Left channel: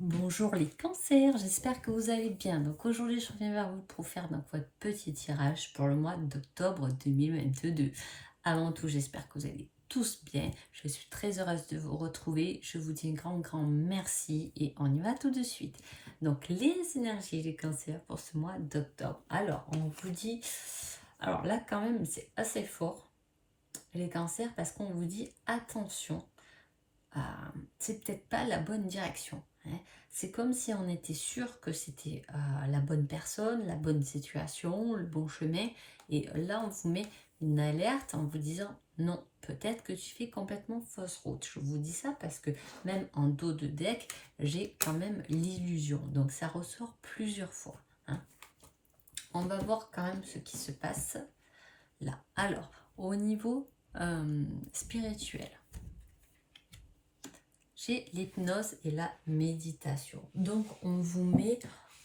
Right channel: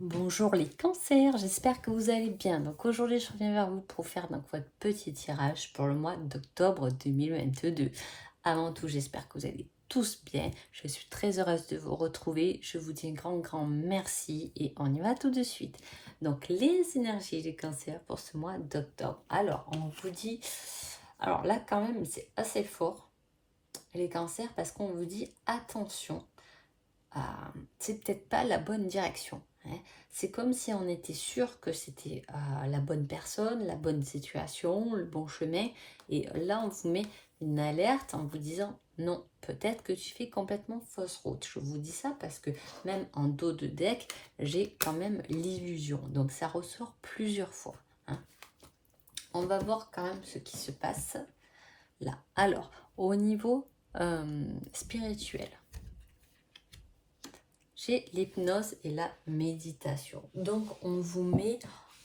Bonjour les cancers, j'espère que vous allez bien. Donc aujourd'hui, je reviens vers vous pour faire donc votre petit tirage pour le mois d'octobre 2022. Avant tout, j'espère que vous allez tous bien. Je suis très heureuse de vous retrouver. Je vous dis un grand merci et on y va tout de suite. Donc les énergies des cancers pour ce mois d'octobre. Alors, on vous dit... Alors là, quand même, c'est assez fort, les cancers, parce qu'on vous dit attention c'est peut-être pas la bonne direction, hein. C'est comme si on était sûr que c'était la bonne personne, la bonne situation, le bon chemin. Et là, on vous met une alerte en vous disant non, peut-être que tu fais complètement fausse route. Je vous dis ça parce que même en dos de deck, j'ai quand même l'illusion. Donc ça ressort plusieurs fois, hein. On va voir quand même ce qui se passe là. Alors, au niveau spirituel, j'ai l'hypnose et la méditation. Donc, on vous met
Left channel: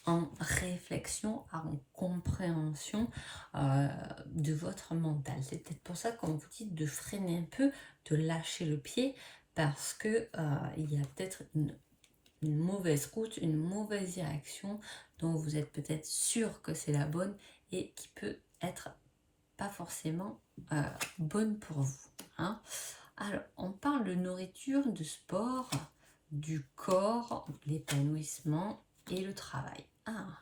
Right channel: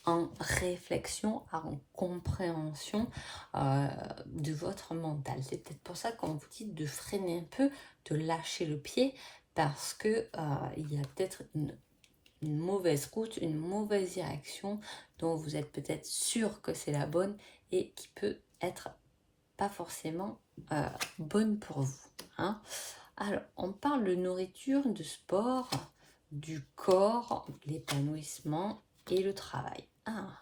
en réflexion, en compréhension de votre mental. C'est peut-être pour ça qu'on vous dit de freiner un peu, de lâcher le pied, parce que il y a peut-être une mauvaise route, une mauvaise direction dont vous êtes peut-être sûr que c'est la bonne et qui peut être pas forcément bonne pour vous, hein. Alors, on parle de nourriture, de sport, du corps, l'épanouissement et le travail. Ah,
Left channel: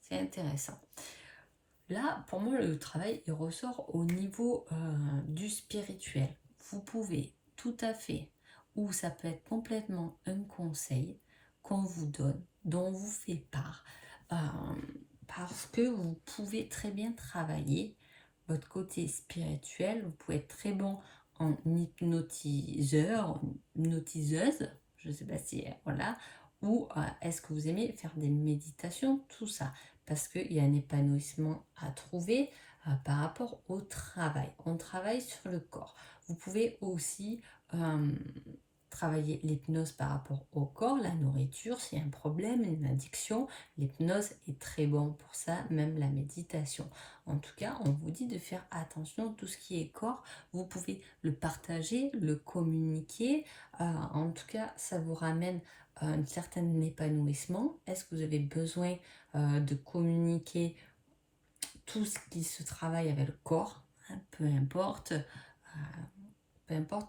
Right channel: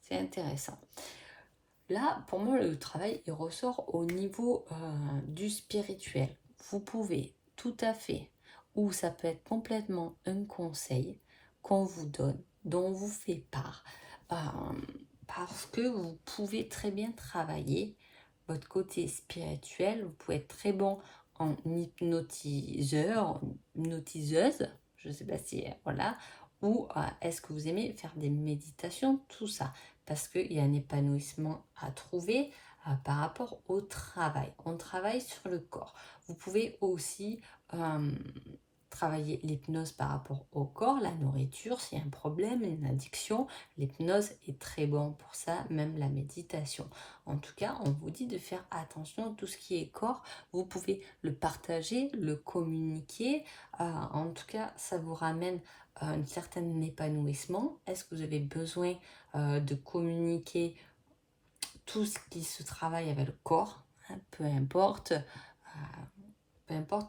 c'est intéressant. Là, pour moi, le travail, il ressort au niveau du spirituel. Vous pouvez tout à fait, ou ça peut être complètement un conseil qu'on vous donne, dont on vous fait part, parce que vous pouvez très bien travailler votre côté spirituel. Vous pouvez être très bon en hypnotiseur, hypnotiseuse, je ne sais pas si, voilà, ou est-ce que vous aimez faire des méditations, tout ça, parce qu'il y a un épanouissement à trouver par rapport au travail. On travaille sur le corps. Vous pouvez aussi travailler l'hypnose par rapport au corps, la nourriture, s'il y a un problème, une addiction, l'hypnose est très bon pour ça, même la méditation. En tout cas, on vous dit de faire attention à tout ce qui est corps. Vous pouvez le partager, le communiquer. En tout cas, ça vous ramène un certain épanouissement. Est-ce que vous avez besoin de communiquer tout ce qui se travaille avec le corps, hein, peu importe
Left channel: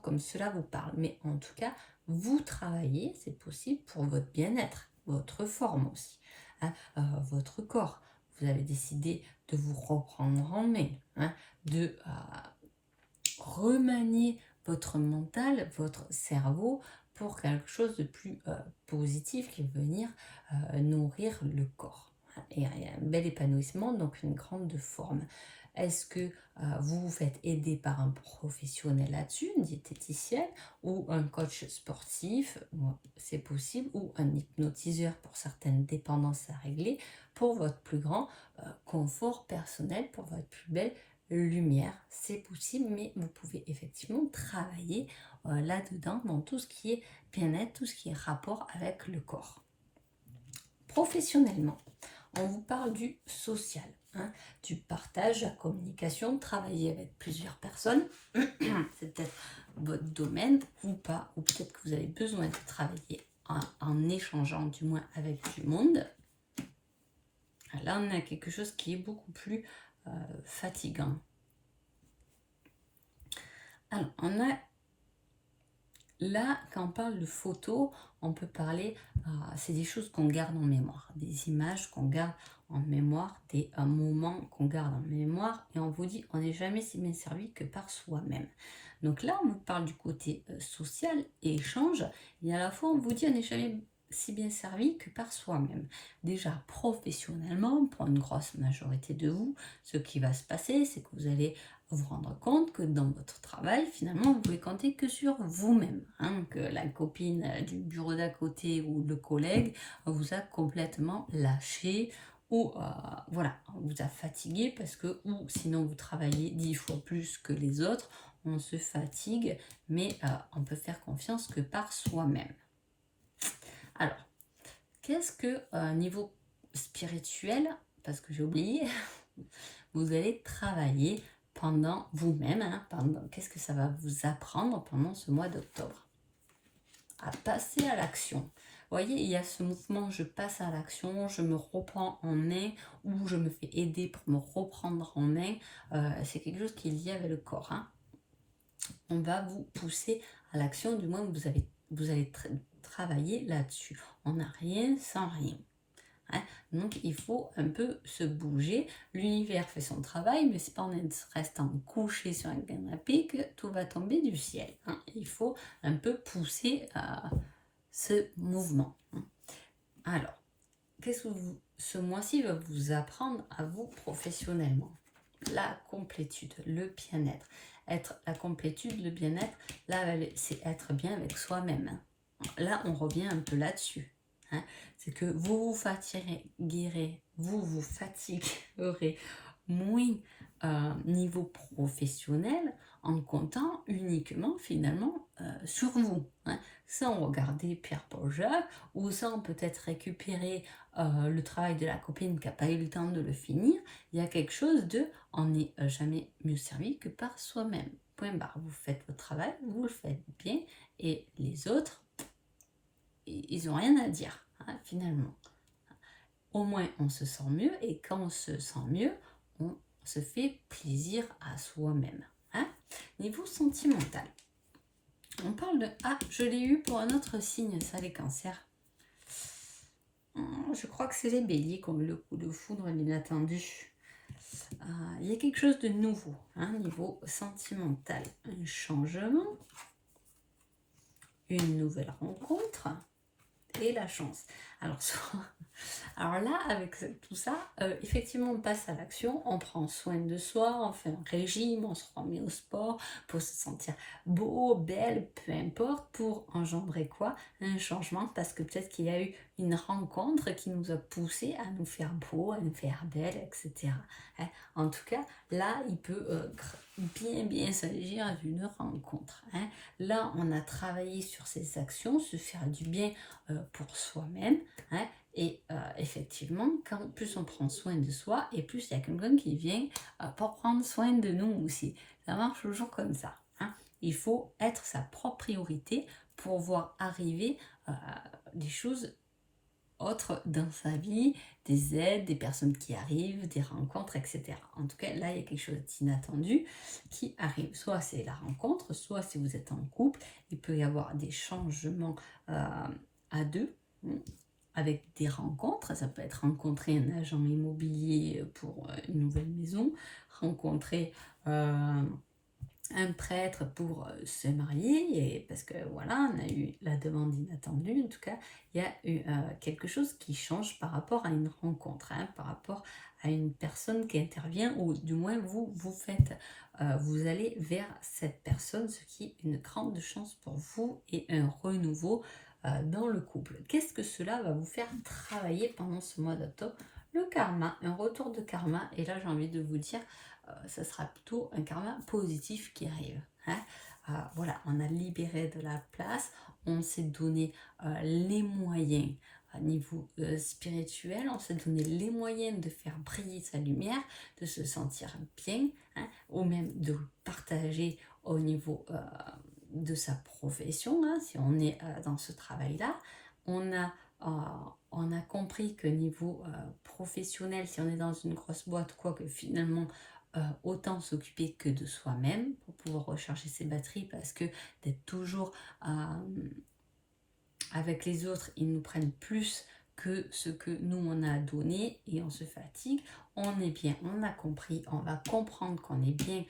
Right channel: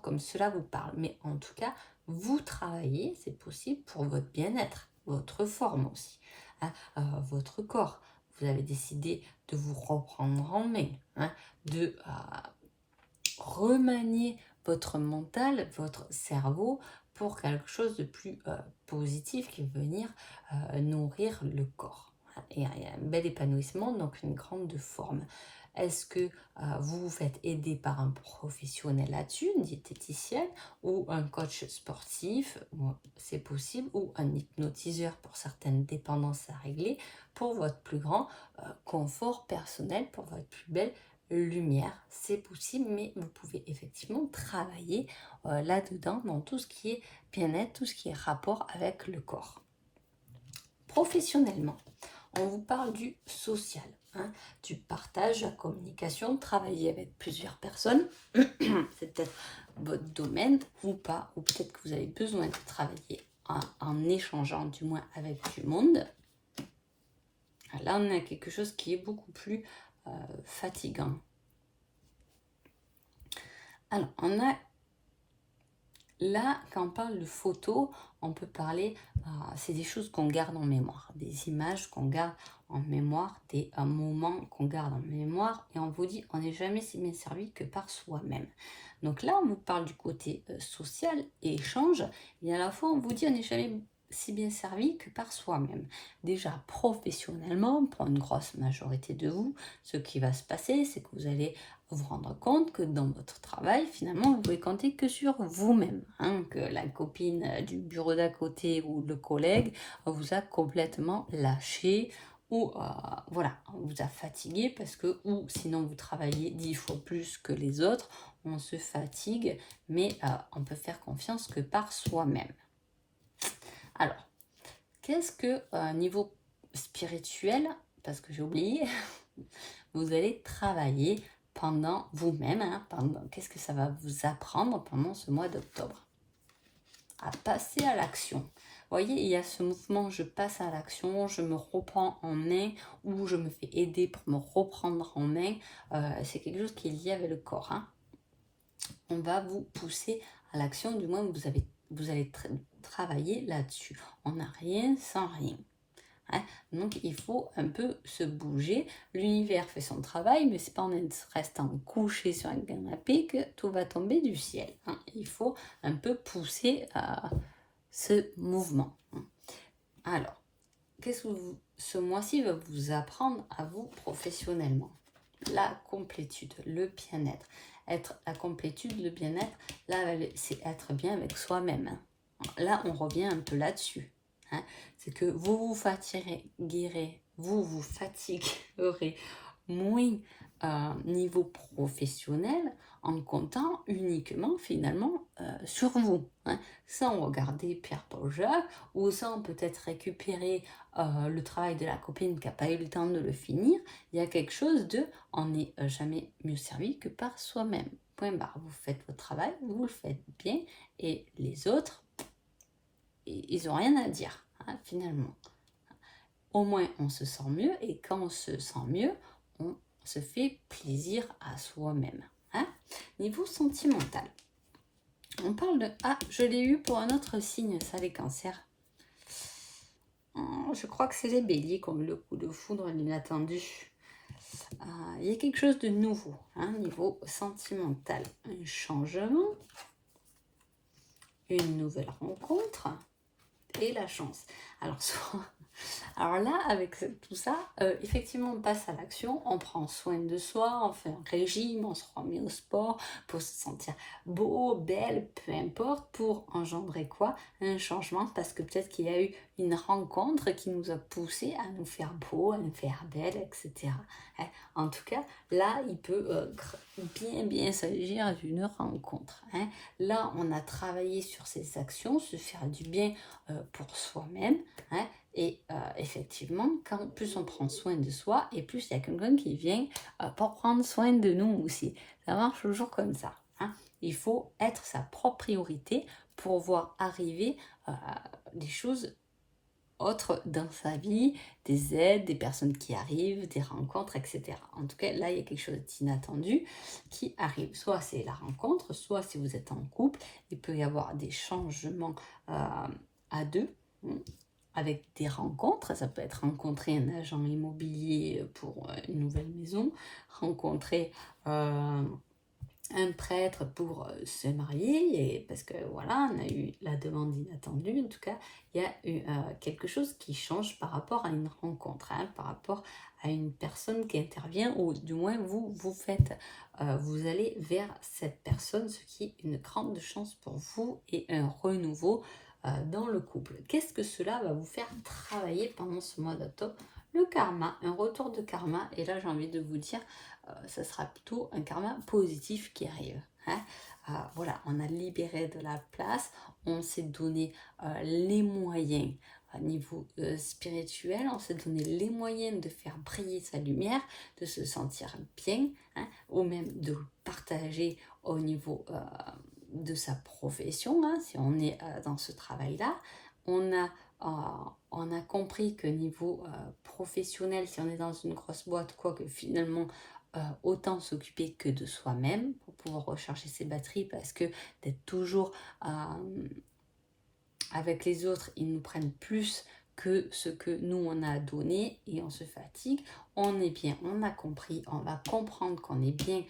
comme cela vous parle. Mais en tout cas, vous travaillez, c'est possible pour votre bien-être, votre forme aussi, hein, votre corps. Vous avez décidé de vous reprendre en main, hein, de remanier votre mental, votre cerveau pour quelque chose de plus positif qui va venir nourrir le corps. Et un bel épanouissement, donc une grande forme. Est-ce que vous vous faites aider par un professionnel là-dessus, une diététicienne ou un coach sportif, c'est possible, ou un hypnotiseur pour certaines dépendances à régler, pour votre plus grand confort personnel, pour votre plus belle lumière, c'est possible, mais vous pouvez effectivement travailler là-dedans dans tout ce qui est bien-être, tout ce qui est rapport avec le corps. Professionnellement, on vous parle du social, hein, du partage, la communication, travailler avec plusieurs personnes. C'est peut-être votre domaine ou pas, ou peut-être que vous avez besoin de travailler en échangeant du moins avec du monde. Là, on a quelque chose qui est beaucoup plus fatigant. Alors, on a là, quand on parle de photos, on peut parler, c'est des choses qu'on garde en mémoire, des images qu'on garde en mémoire, des moments qu'on garde en mémoire, et on vous dit, on n'est jamais si bien servi que par soi-même. Donc là, on vous parle du côté social et échange, et à la fois, on vous dit, on n'est jamais si bien servi que par soi-même. Déjà, professionnellement, pour une grosse majorité de vous, ce qui va se passer, c'est que vous allez vous rendre compte que dans votre travail, finalement, vous pouvez compter que sur vous-même, hein, que la copine du bureau d'à côté ou le collègue vous a complètement lâché ou voilà, vous a fatigué parce que, ou sinon vous travaillez 10 fois plus que les autres, on se fatigue, mais on peut faire confiance que par soi-même. Alors, qu'est-ce que niveau spirituel, parce que j'ai oublié, vous allez travailler pendant vous-même, hein, qu'est-ce que ça va vous apprendre pendant ce mois d'octobre? À passer à l'action. voyez, il y a ce mouvement, je passe à l'action, je me reprends en main ou je me fais aider pour me reprendre en main. C'est quelque chose qui est lié avec le corps, hein. On va vous pousser à l'action, du moins vous allez travailler là-dessus. On n'a rien sans rien. Hein. Donc il faut un peu se bouger. L'univers fait son travail, mais c'est pas en restant couché sur un canapé que tout va tomber du ciel. Hein. Il faut un peu pousser ce mouvement. Hein. Alors, qu'est-ce que ce mois-ci va vous apprendre à vous professionnellement? La complétude, le bien-être. La complétude, le bien-être, là, c'est être bien avec soi-même. Là, on revient un peu là-dessus. Hein. C'est que vous vous fatiguerez, vous fatiguerez moins niveau professionnel en comptant uniquement finalement sur vous. Hein. Sans regarder Pierre-Paul Jacques ou sans peut-être récupérer le travail de la copine qui n'a pas eu le temps de le finir. Il y a quelque chose de on n'est jamais mieux servi que par soi-même. Point barre. Vous faites votre travail, vous le faites bien et les autres, ils n'ont rien à dire, hein, finalement. Au moins, on se sent mieux et quand on se sent mieux, on se fait plaisir à soi-même. Hein. Niveau sentimental, on parle de... Ah, je l'ai eu pour un autre signe, ça, les cancers. Je crois que c'est les béliers comme le coup de foudre inattendu. Il y a quelque chose de nouveau, hein, niveau sentimental. Un changement, une nouvelle rencontre et la chance. Alors là, avec tout ça, effectivement, on passe à l'action, on prend soin de soi, on fait un régime, on se remet au sport pour se sentir beau, belle, peu importe, pour engendrer quoi? Un changement, parce que peut-être qu'il y a eu une rencontre qui nous a poussé à nous faire beau, à nous faire belle, etc. Hein. En tout cas, là, il peut bien s'agir d'une rencontre. Hein. Là, on a travaillé sur ces actions, se faire du bien pour soi-même. Hein. Et effectivement, quand plus on prend soin de soi, et plus il y a quelqu'un qui vient pour prendre soin de nous aussi. Ça marche toujours comme ça. Hein. Il faut être sa propre priorité pour voir arriver des choses autres dans sa vie, des aides, des personnes qui arrivent, des rencontres, etc. En tout cas, là, il y a quelque chose d'inattendu qui arrive. Soit c'est la rencontre, soit si vous êtes en couple, il peut y avoir des changements à deux. Avec des rencontres, ça peut être rencontrer un agent immobilier pour une nouvelle maison, rencontrer un prêtre pour se marier, et parce que voilà, on a eu la demande inattendue. En tout cas, il y a eu quelque chose qui change par rapport à une rencontre, hein, par rapport à une personne qui intervient, ou du moins vous faites, vous allez vers cette personne, ce qui est une grande chance pour vous et un renouveau dans le couple. Qu'est-ce que cela va vous faire travailler pendant ce mois d'octobre? Le karma, un retour de karma. Et là, j'ai envie de vous dire, ça sera plutôt un karma positif qui arrive. Hein. Voilà, on a libéré de la place, on s'est donné les moyens à niveau spirituel, on s'est donné les moyens de faire briller sa lumière, de se sentir bien, hein, ou même de partager au niveau de sa profession, hein, si on est dans ce travail-là. On a compris que niveau professionnel, si on est dans une grosse boîte, quoi que finalement, autant s'occuper que de soi-même pour pouvoir recharger ses batteries, parce que d'être toujours avec les autres, ils nous prennent plus que ce que nous on a donné et on se fatigue. On est bien, on a compris, on va comprendre qu'on est bien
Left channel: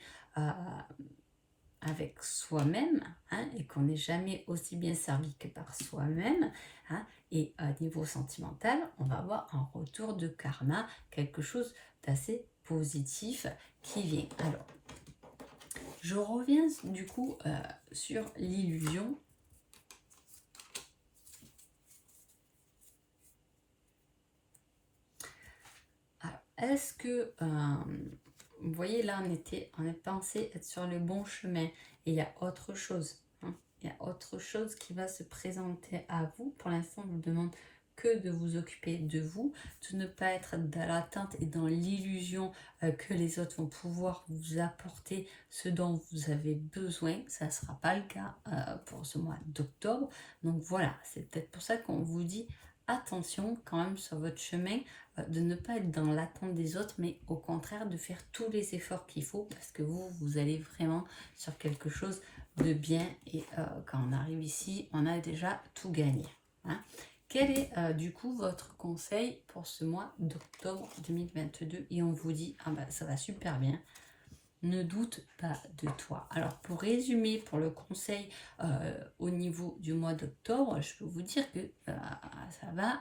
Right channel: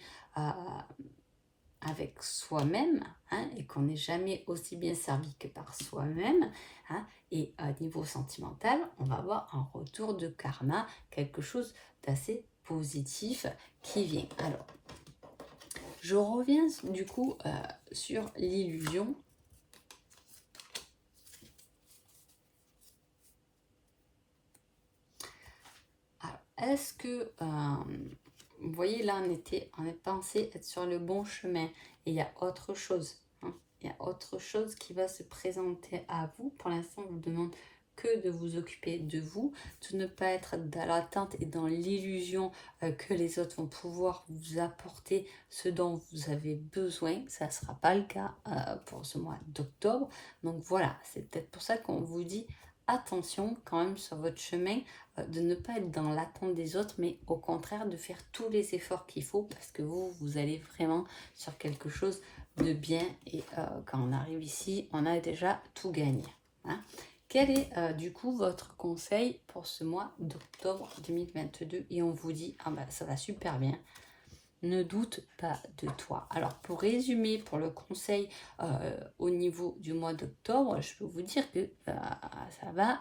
avec soi-même, hein, et qu'on n'est jamais aussi bien servi que par soi-même, hein, et à niveau sentimental, on va avoir un retour de karma, quelque chose d'assez positif qui vient. Alors, je reviens du coup sur l'illusion. Alors, est-ce que vous voyez, là, on est pensé être sur le bon chemin. Et il y a autre chose. Hein. Il y a autre chose qui va se présenter à vous. Pour l'instant, on vous demande que de vous occuper de vous, de ne pas être dans l'attente et dans l'illusion que les autres vont pouvoir vous apporter ce dont vous avez besoin. Ça ne sera pas le cas pour ce mois d'octobre. Donc voilà, c'est peut-être pour ça qu'on vous dit attention quand même sur votre chemin, de ne pas être dans l'attente des autres, mais au contraire de faire tous les efforts qu'il faut parce que vous allez vraiment sur quelque chose de bien et quand on arrive ici, on a déjà tout gagné. Hein. Quel est du coup votre conseil pour ce mois d'octobre 2022? Et on vous dit, ah ben ça va super bien, ne doute pas de toi. Alors pour résumer, pour le conseil au niveau du mois d'octobre, je peux vous dire que ça va,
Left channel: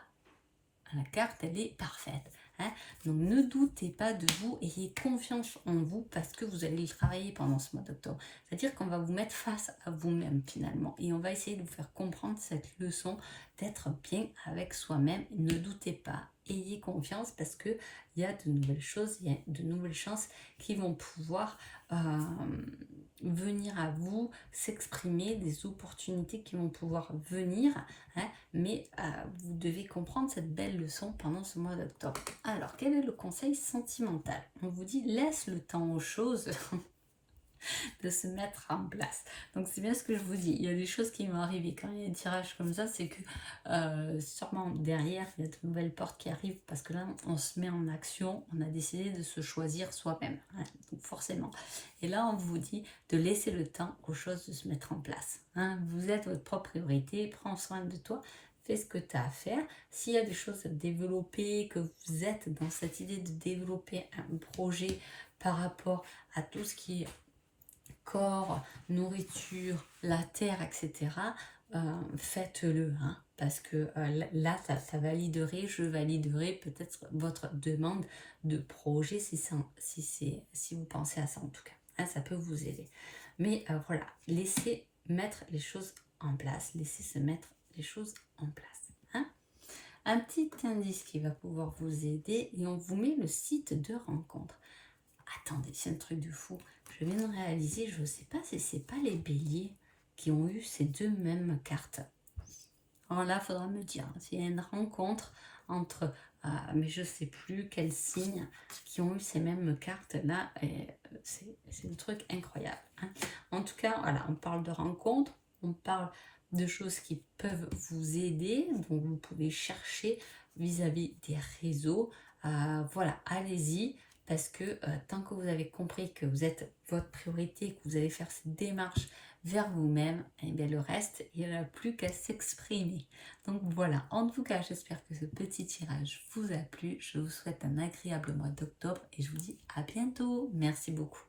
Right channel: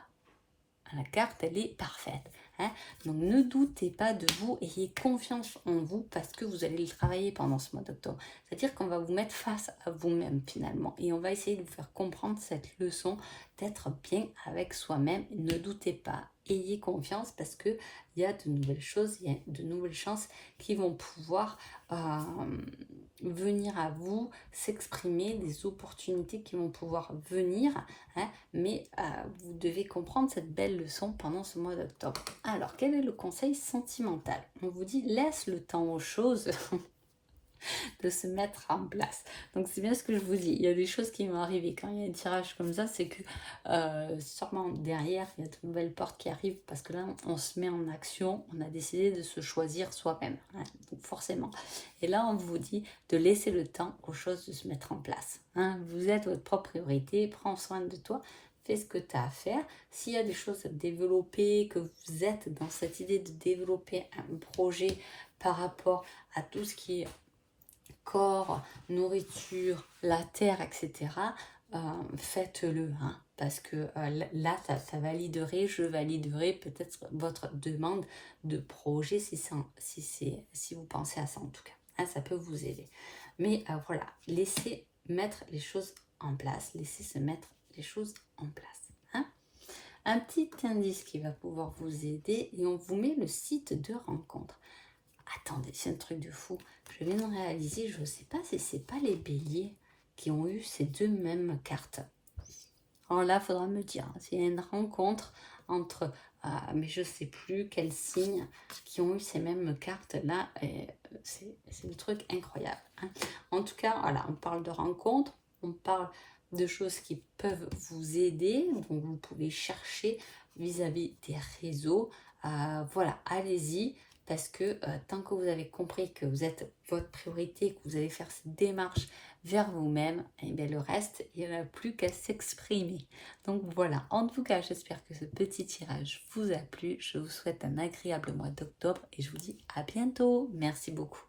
la carte elle est parfaite. Hein. Donc ne doutez pas de vous, ayez confiance en vous parce que vous allez le travailler pendant ce mois d'octobre. C'est-à-dire qu'on va vous mettre face à vous-même finalement et on va essayer de vous faire comprendre cette leçon d'être bien avec soi-même. Ne doutez pas, ayez confiance parce que il y a de nouvelles choses, il y a de nouvelles chances qui vont pouvoir venir à vous, s'exprimer, des opportunités qui vont pouvoir venir, hein, mais vous devez comprendre cette belle leçon pendant ce mois d'octobre. Alors, quel est le conseil sentimental? On vous dit, laisse le temps aux choses de se mettre en place. Donc c'est bien ce que je vous dis, il y a des choses qui vont arriver quand il y a un tirage comme ça, c'est que sûrement derrière il y a de nouvelles portes qui arrivent parce que là on se met en action, on a décidé de se choisir soi-même, hein, donc forcément. Et là on vous dit de laisser le temps aux choses de se mettre en place. Hein. Vous êtes votre propre priorité, prends soin de toi. Fais ce que tu as à faire. S'il y a des choses à développer, que vous êtes dans cette idée de développer un projet par rapport à tout ce qui est corps, nourriture, la terre, etc., faites-le. Hein, parce que là, ça validerait, je validerai peut-être votre demande de projet si vous pensez à ça en tout cas. Hein, ça peut vous aider. Mais voilà, laissez mettre les choses en place. Laissez se mettre les choses en place. Hein. Un petit indice qui va pouvoir vous aider et on vous met le site de rencontre. Attendez, c'est un truc de fou. Je viens de réaliser, je ne sais pas si c'est pas les béliers qui ont eu ces deux mêmes cartes. Alors là, il faudra me dire s'il y a une rencontre entre, mais je ne sais plus quels signes qui ont eu ces mêmes cartes-là. C'est un truc incroyable. Hein. En tout cas, voilà, on parle de rencontres, on parle de choses qui peuvent vous aider, donc vous pouvez chercher vis-à-vis des réseaux. Voilà, allez-y. Parce que tant que vous avez compris que vous êtes votre priorité, que vous allez faire cette démarche vers vous-même, et bien le reste, il n'y en a plus qu'à s'exprimer. Donc voilà, en tout cas, j'espère que ce petit tirage vous a plu. Je vous souhaite un agréable mois d'octobre et je vous dis à bientôt. Merci beaucoup.